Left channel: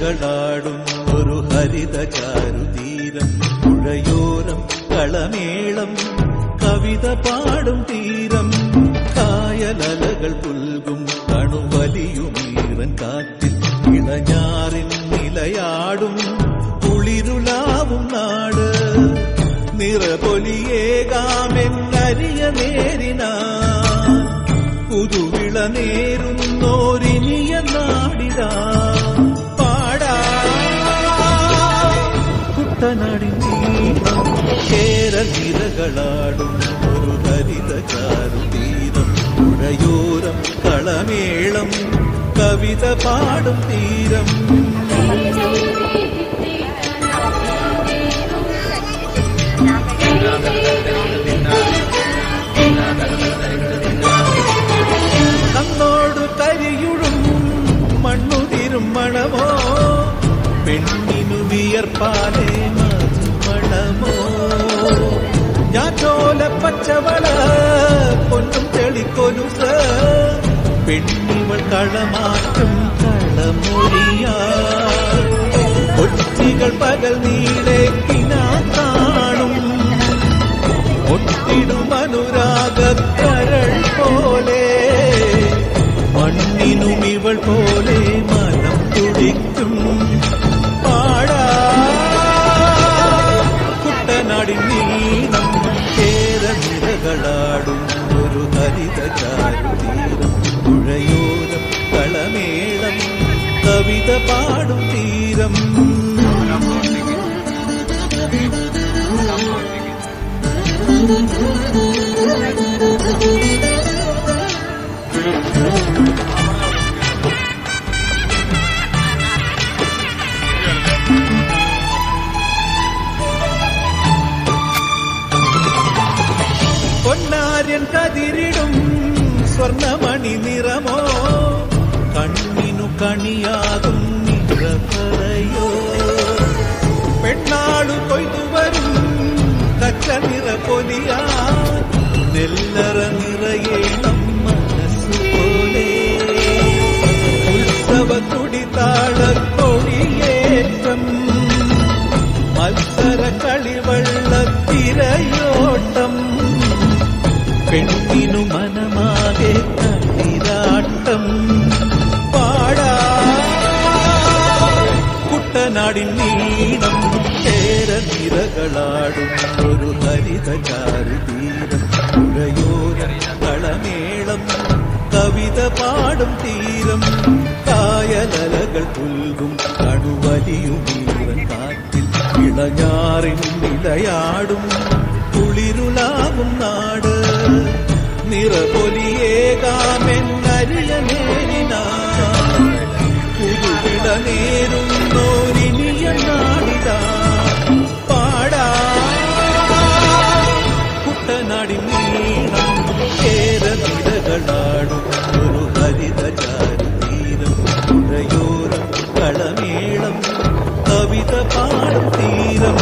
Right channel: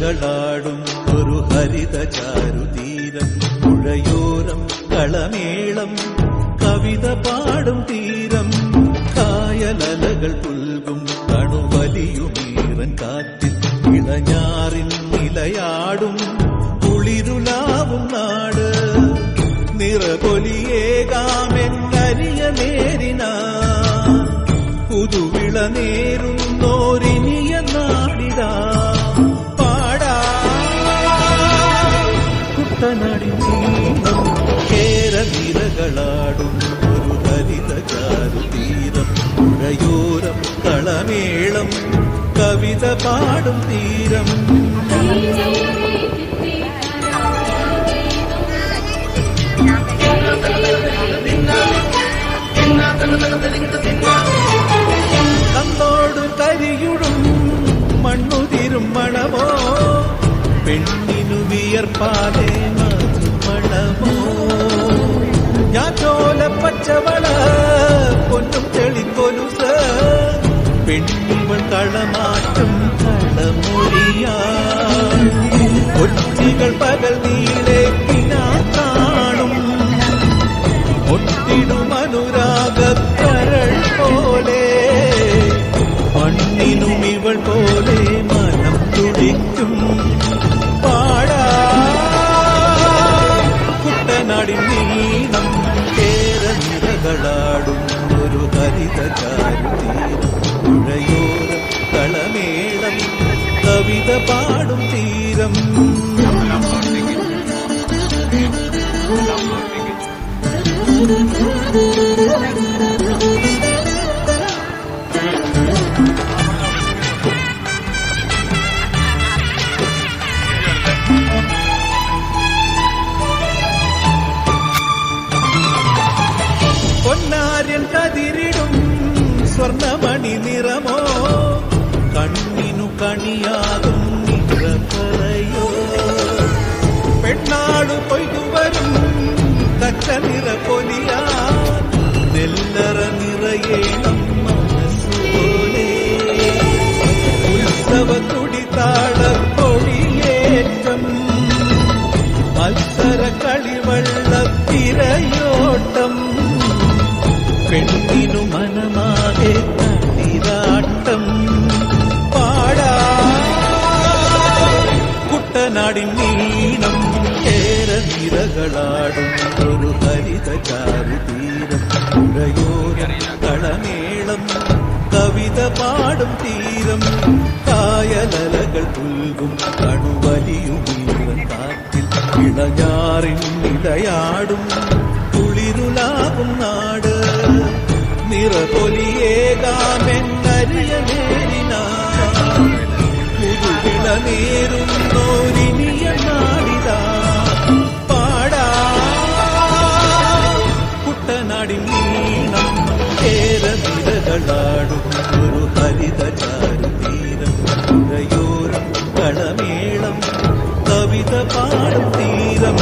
നിരകളാടും ഒരു ഹരിത ചാരുതീരം, പുഴയോരം കളമേളം കവിത പാടും തീരം, കായലലകൾ പുൽകും കണുവലിയുമീറൻ കാറ്റിൽ ഇളഞ്ഞാറിൻ നിലയാടും കുളിരുലാവും നാട്, നിറപൊലിയേകാമെന്നരിയ നേരിനാ പുതുവിള നേരുന്നോരിനിയ നാടിടാ പാടാ കുട്ടനാടിൻ നീളം കേരനിരകളാടും ഒരു ഹരിത ചാരുതീരം, പുഴയോരം കളമേളം കവിത പാടും തീരം. കണ്ണോട് കരിയുഴും മണ്ണുതിരും മണമോ, പെണ്ണിനു വിയർപ്പാലേ മധുമണമോ, ഞാറ്റോല പച്ചവള പൊന്നും തെളിക്കൊലുസ്, പെണ്ണിവൾ കളമാറ്റും കളമൊഴിയാ, ഒറ്റികൾ പകൽ നീളെ കിനാ കാണും, ഒട്ടിടും അനുരാഗക്കരൾ പോലെ, മണ്ണിനും ഇവൾ പോലെ മനം തുടിക്കും പാടാ കുട്ടനാടിൻ നീളം കേരനിരകളാടും ഒരു ഹരിത ചാരുതീരം, പുഴയോരം കളമേളം കവിത പാടും തീരം. പൊന്നാര്യൻ കതിരിടും സ്വർണമണി നിറമോ, കണ്ണിനു കണിയാകും നിറപറയോ, പെണ്ണാളു കൊയ്തുവരും കച്ച നിറ പൊലിയാൻ നെല്ലറ നിറയേണം മനസ്സുപോലെ, ഉത്സവ തുടിതാള കൊടിയേറ്റം മത്സര കളിവള്ള തിരയോട്ടം, പെണ്ണിനു മനമാകെ തളിരാട്ടം പാടാ കുട്ടനാടിൻ നീളം കേരനിരകളാടും ഒരു ഹരിത ചാരുതീരം, പുഴയോരം കളമേളം കവിത പാടും തീരം, കായലലകൾ പുൽകും കണുവലിയുമീറൻ കാറ്റിൽ ഇളഞ്ഞാറിൻ നിലയാടും കുളിരുലാകും നാട്, നിറപൊലിയേകാമെന്നരിയ നേരിനാ പുതുവിള നേരുന്നോരിനിയ നാടിതാ പാടാ കുട്ടനാടിൻ നീളം കേരനിരകളാടും ഒരു ഹരിത ചാരുതീരം, പുഴയോരം കളമേളം കവിത പാടും തീരം.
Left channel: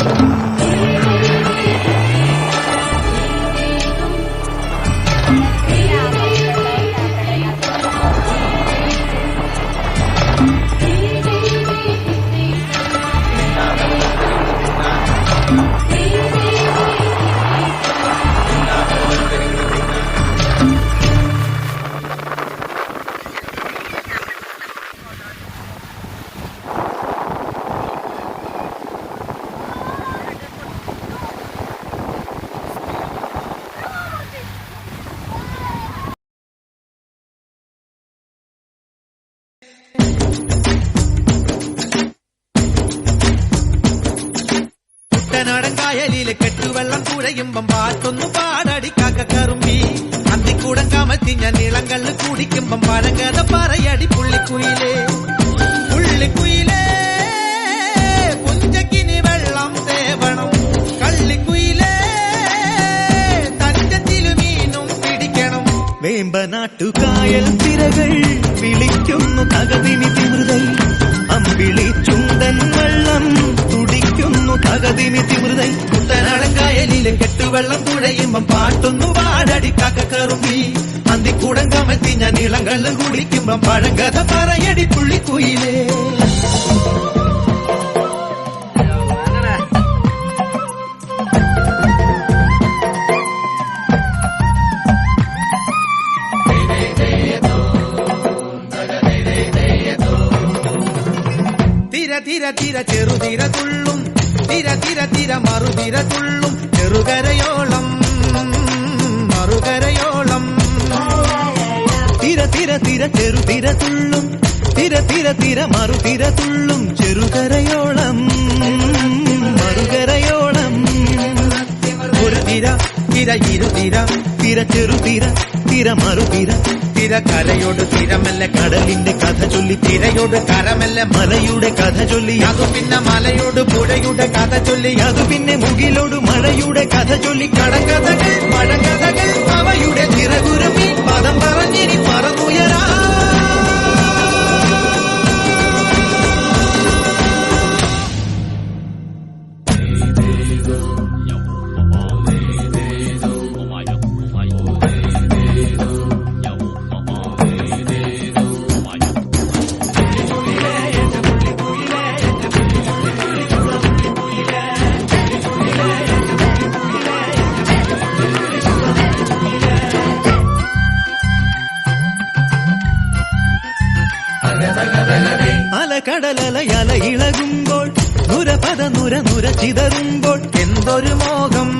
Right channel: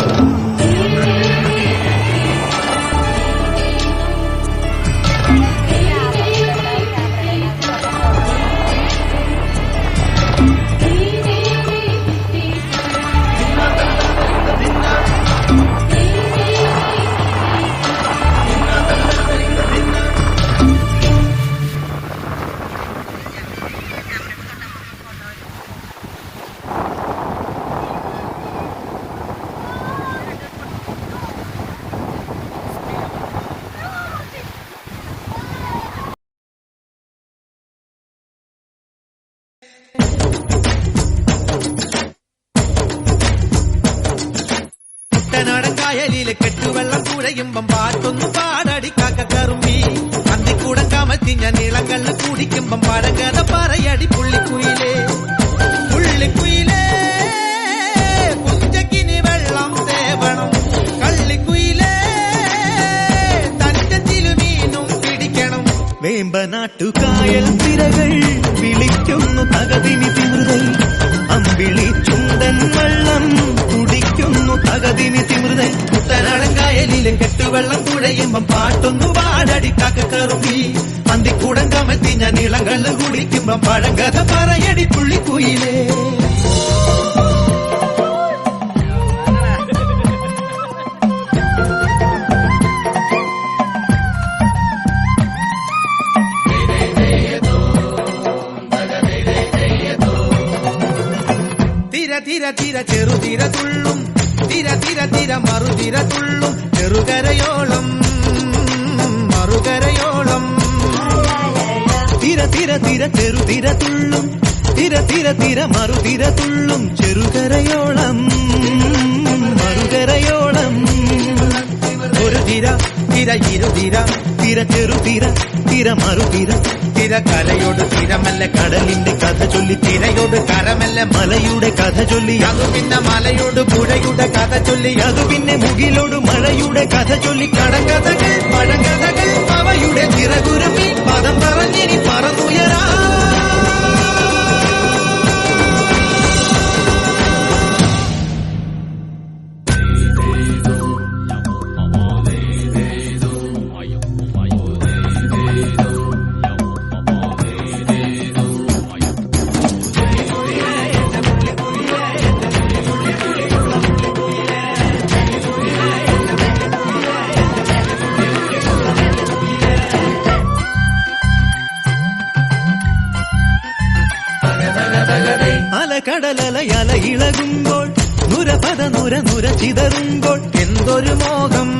കുട്ടനാടൻ കായലിലെ കെട്ടുവെള്ളം കുഴയുമ്പം പാട്ടൊന്നു പാടടി കാക്കക്കറുമ്പി, അന്തിക്കൂടം കമത്തിഞ്ഞ നീളങ്കല്ല് കുടിക്കുമ്പം പഴങ്കഥ പറയടി പുള്ളിക്കുയിലേ, പുള്ളിക്കുയിലേ പുഞ്ചക്കിനി വെള്ളം തേവണം, കള്ളിക്കുയിലേ തഞ്ചത്തിലു മീനും പിടിക്കണം, വേമ്പനാട്ടുകായൽ തിരകൾ വിളിക്കുന്നു തകതിനി തിമൃതൈ, അമ്പിളി ചുണ്ടൻ വെള്ളം തുടിക്കുന്നു തകതിമി തിമൃതൈ കുട്ടനാടൻ കായലിലെ കെട്ടുവെള്ളം തുഴയുമ്പം പാട്ടൊന്നു പാടടി കാക്കക്കറുമ്പി അന്തിക്കൂടം കമത്തി ഞാൻ ഇളം കള്ള് കുടിക്കുമ്പം പഴങ്കഥ പറയടി പുള്ളിക്കുയിലേ. തിര തിര തിര ചെറുതിര തുള്ളും തിര തിര തിര മറുതിര തുള്ളും ചെറുകരയോളം മറുകരയോളം. തിര തിര തിര ചെറുതിര തുള്ളും തിര തിര തിര മറുതിര തുള്ളും ചെറുകരയോളം മറുകരയോളം. ഒരു തിര തിര ഇരുതിര തിര ചെറുതിര തിര മറുതിര തിര കരയോട് തിരമല്ല കടലിന്റെ കഥ ചൊല്ലി തിരയോട് കരമല്ല മലയുടെ കഥ ചൊല്ലി അതു പിന്നെ മലയോട് പുഴയുടെ കഥ ചൊല്ലി അതു പിന്നെ മുകിലോട് മഴയുടെ കഥ ചൊല്ലി കടങ്കഥകൾ പഴങ്കഥകൾ അവയുടെ ചിറകുരുമി പദം പറഞ്ഞിനി പറന്നുയരാ. അലകടലല ഇളകുമ്പോൾ നുരപദ നുര നുര ചിതറുമ്പോൾ എന്തൊരു മോഹം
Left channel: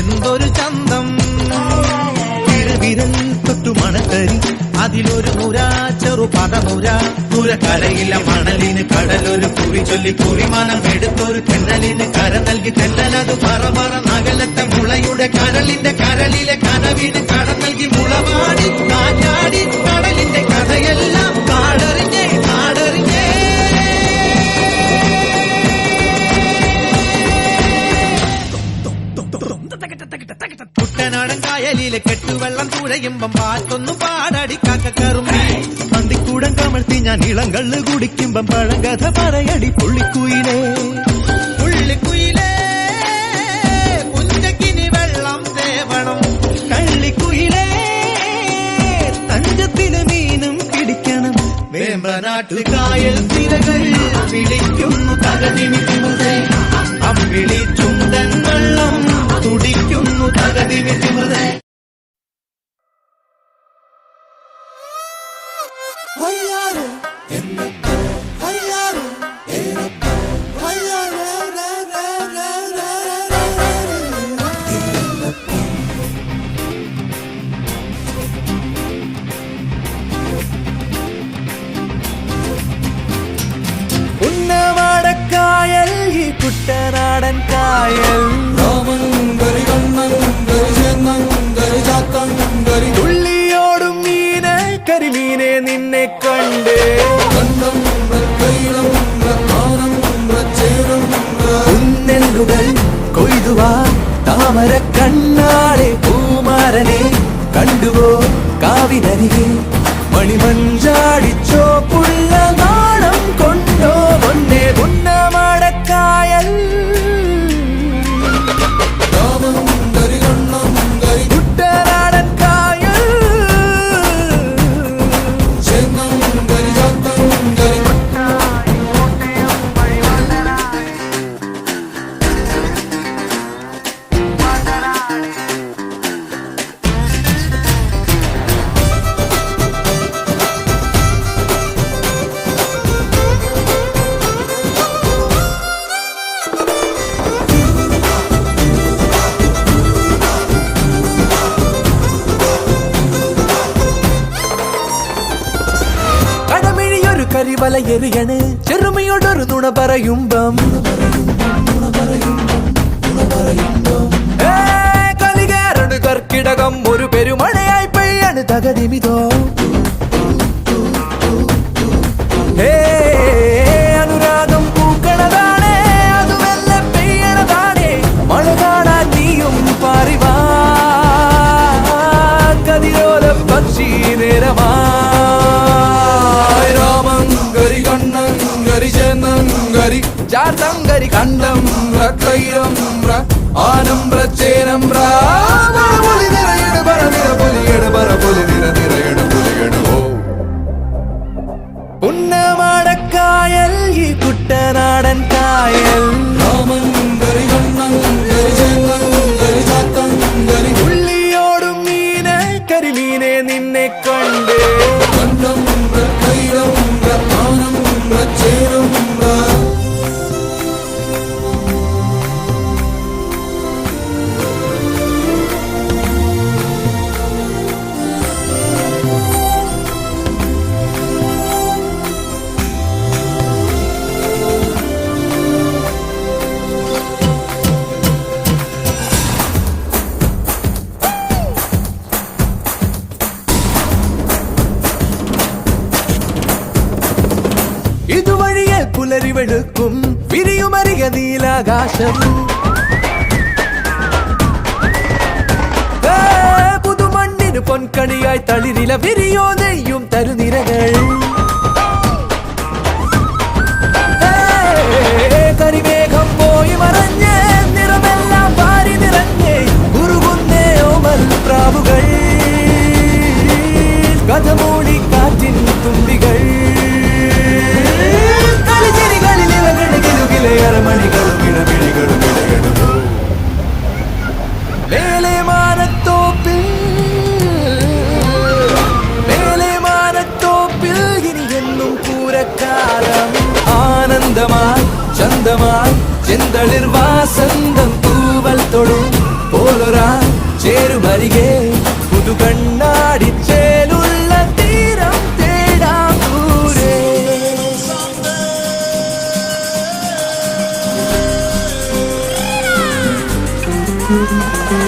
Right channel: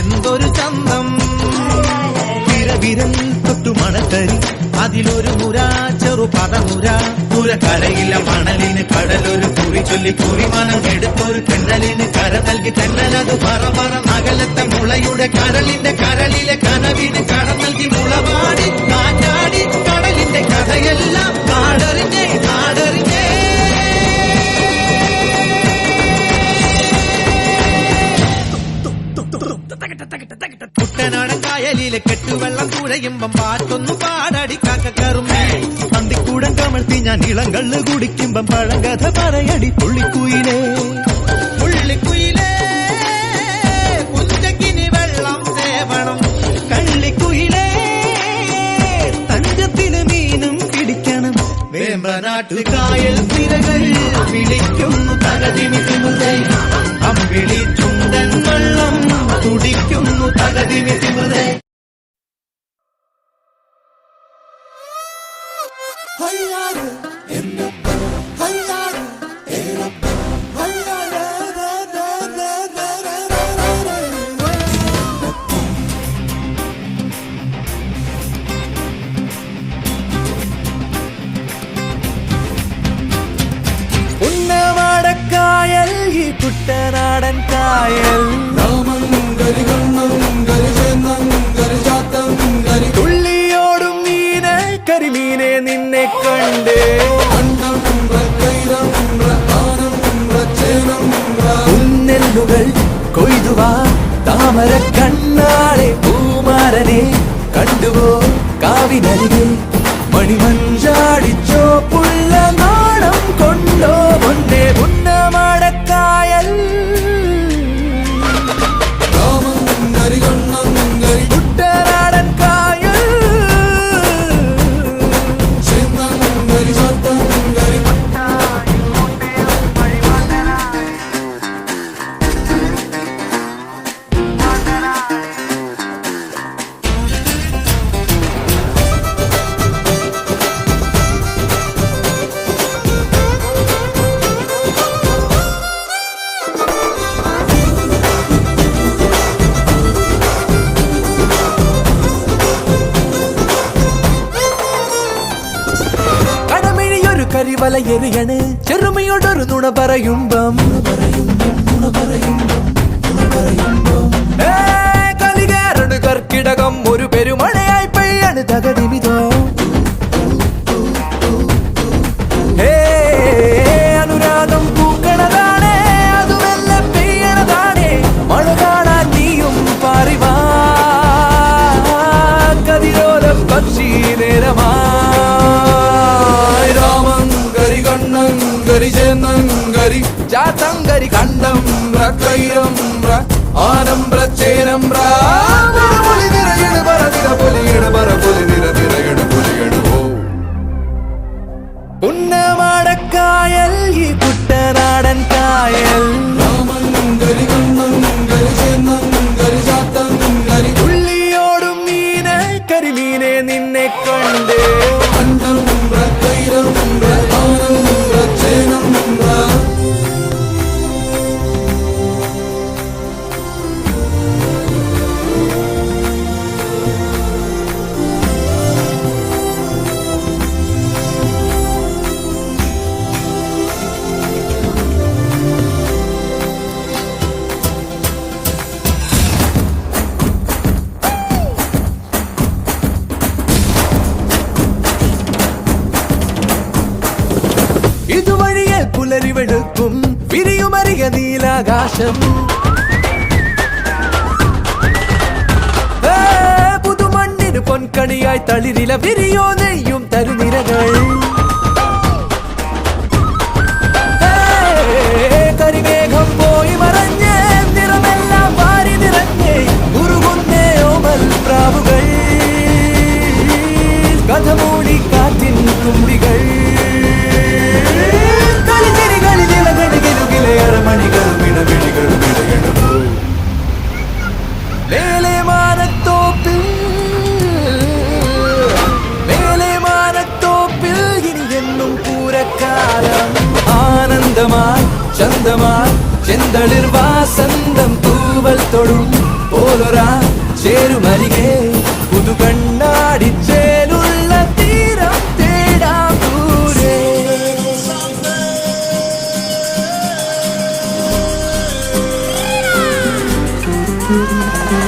എന്തൊരു ചന്തം വിരവിരൽ തൊട്ടു മണത്തരി അതിലൊരു നുര ചെറു പദനുര ദൂരക്കരയില്ല മണലിന് കടലൊരു കുറി ചൊല്ലി കുറിമാനം എടുത്തൊരു തെന്നലിന് കര നൽകി തെന്നലത് പറ പറ നഗലത്തെ മുളയുടെ കരളിന്റെ കരളിലെ കനവിന് കട നൽകി മുളപാടി കാറ്റാടി കടലിന്റെ കഥയെല്ലാം കാടറിഞ്ഞേ കാടറിഞ്ഞേ. കുട്ടനാടൻ കായലിലെ കെട്ടുവെള്ളം തുഴയുമ്പം പാട്ടൊന്നു പാടടി കാക്കക്കറുമ്പി അന്തിക്കൂടം കമഴ്ത്തി ഞാൻ ഇളം കള്ള് കുടിക്കുമ്പം പഴങ്കഥ പറയടി പുള്ളിക്കുയിലേ. പുള്ളിക്കുയിലേ പുഞ്ചക്കിനി വെള്ളം സേവണം കള്ളിക്കുയിലേ തഞ്ചത്തില് മീനും പിടിക്കണം വേമ്പനാട്ടു കായൽ തിരകൾ വിളിക്കുന്നു തകതിമി തിമൃതൈ അമ്പിളി ചുണ്ടൻ വെള്ളം തുടിക്കുന്നു തകതിമി തിമൃതൈ. ഉന്നമാടക്കായൽ ഈ കുട്ടനാടൻ കായൽ തുള്ളിയോടും മീനെ കരിമീനെ നിന്നെ കണ്ട് ഉന്നെല്ലുകൾ കൊയ്തുവാ താമര കണ്ണാളെ പൂമാരനെ കണ്ടുവോ കാവിനരികെ മണിമഞ്ചാടിച്ചോ പുള്ള നാണം കൊണ്ടോ പൊന്നെ പുന്നമടക്കായൽ കുട്ടനാടൻ കായൽ കരിവല എറിയണ് ചെറുമയോടൊരു നുണ പറയുമ്പം കലികേറണ് കർക്കിടകം ഒരു പെരുമഴയായി പെയ്യാണ് തകതിമിതോ അനുരാഗം പൂക്കണതാണേ അതുമെല്ല പെയ്യണതാണേ മഴ കാണാൻ നീയും പാറിവാ കതിരോല പക്ഷി നേരമാ രാമങ്കരി കണ്ണങ്കരി ചെന്നങ്കരി ചാത്തങ്കരി കണ്ടം കൈരം ആനമ്പ്ര ചേനമ്പ്ര പുലി നിറയട് പറവിര പുലിയട് പറ പുലി നിറയട് പുലിയട് ഓ പുന്നമാടക്കായൽ ഈ കുട്ടനാടൻ കായൽ തുള്ളിയോടും മീനെ കരിമീനെ നിന്നെ കണ്ടേ ഇതുവഴിയെ പുലരി വെളുക്കും വിരിയുമറിയ നീലാകാശം പുതുമണ്ണിന് പൊൻകണിയായി തളിരില വിരിയോ നെയ്യും തരുനിരകൾ കരിമേഘം പോയി മറഞ്ഞ് നിറമെല്ലാം വാരി നിറഞ്ഞേ ഉരുകുന്നേ ഓമൽ പ്രാവുകൾ കഥമൂടി കാറ്റിൻ തുമ്പികൾ അരമണികളും ഇടമിഴികളും ഇടകെടുപ്പോ മേലെ മാനത്തോപ്പിൽ ഇനി എന്നും പൂരക്കാലം ആനന്ദമായി ചന്തമായി ചെന്തളിർ വാസന്തം തൂവൽ തൊടും പോലൊരാ ചേരുമരികെ പുതുകണ്ണാടിച്ചേലുള്ള തീരം തേടാം ദൂരെ Thank you.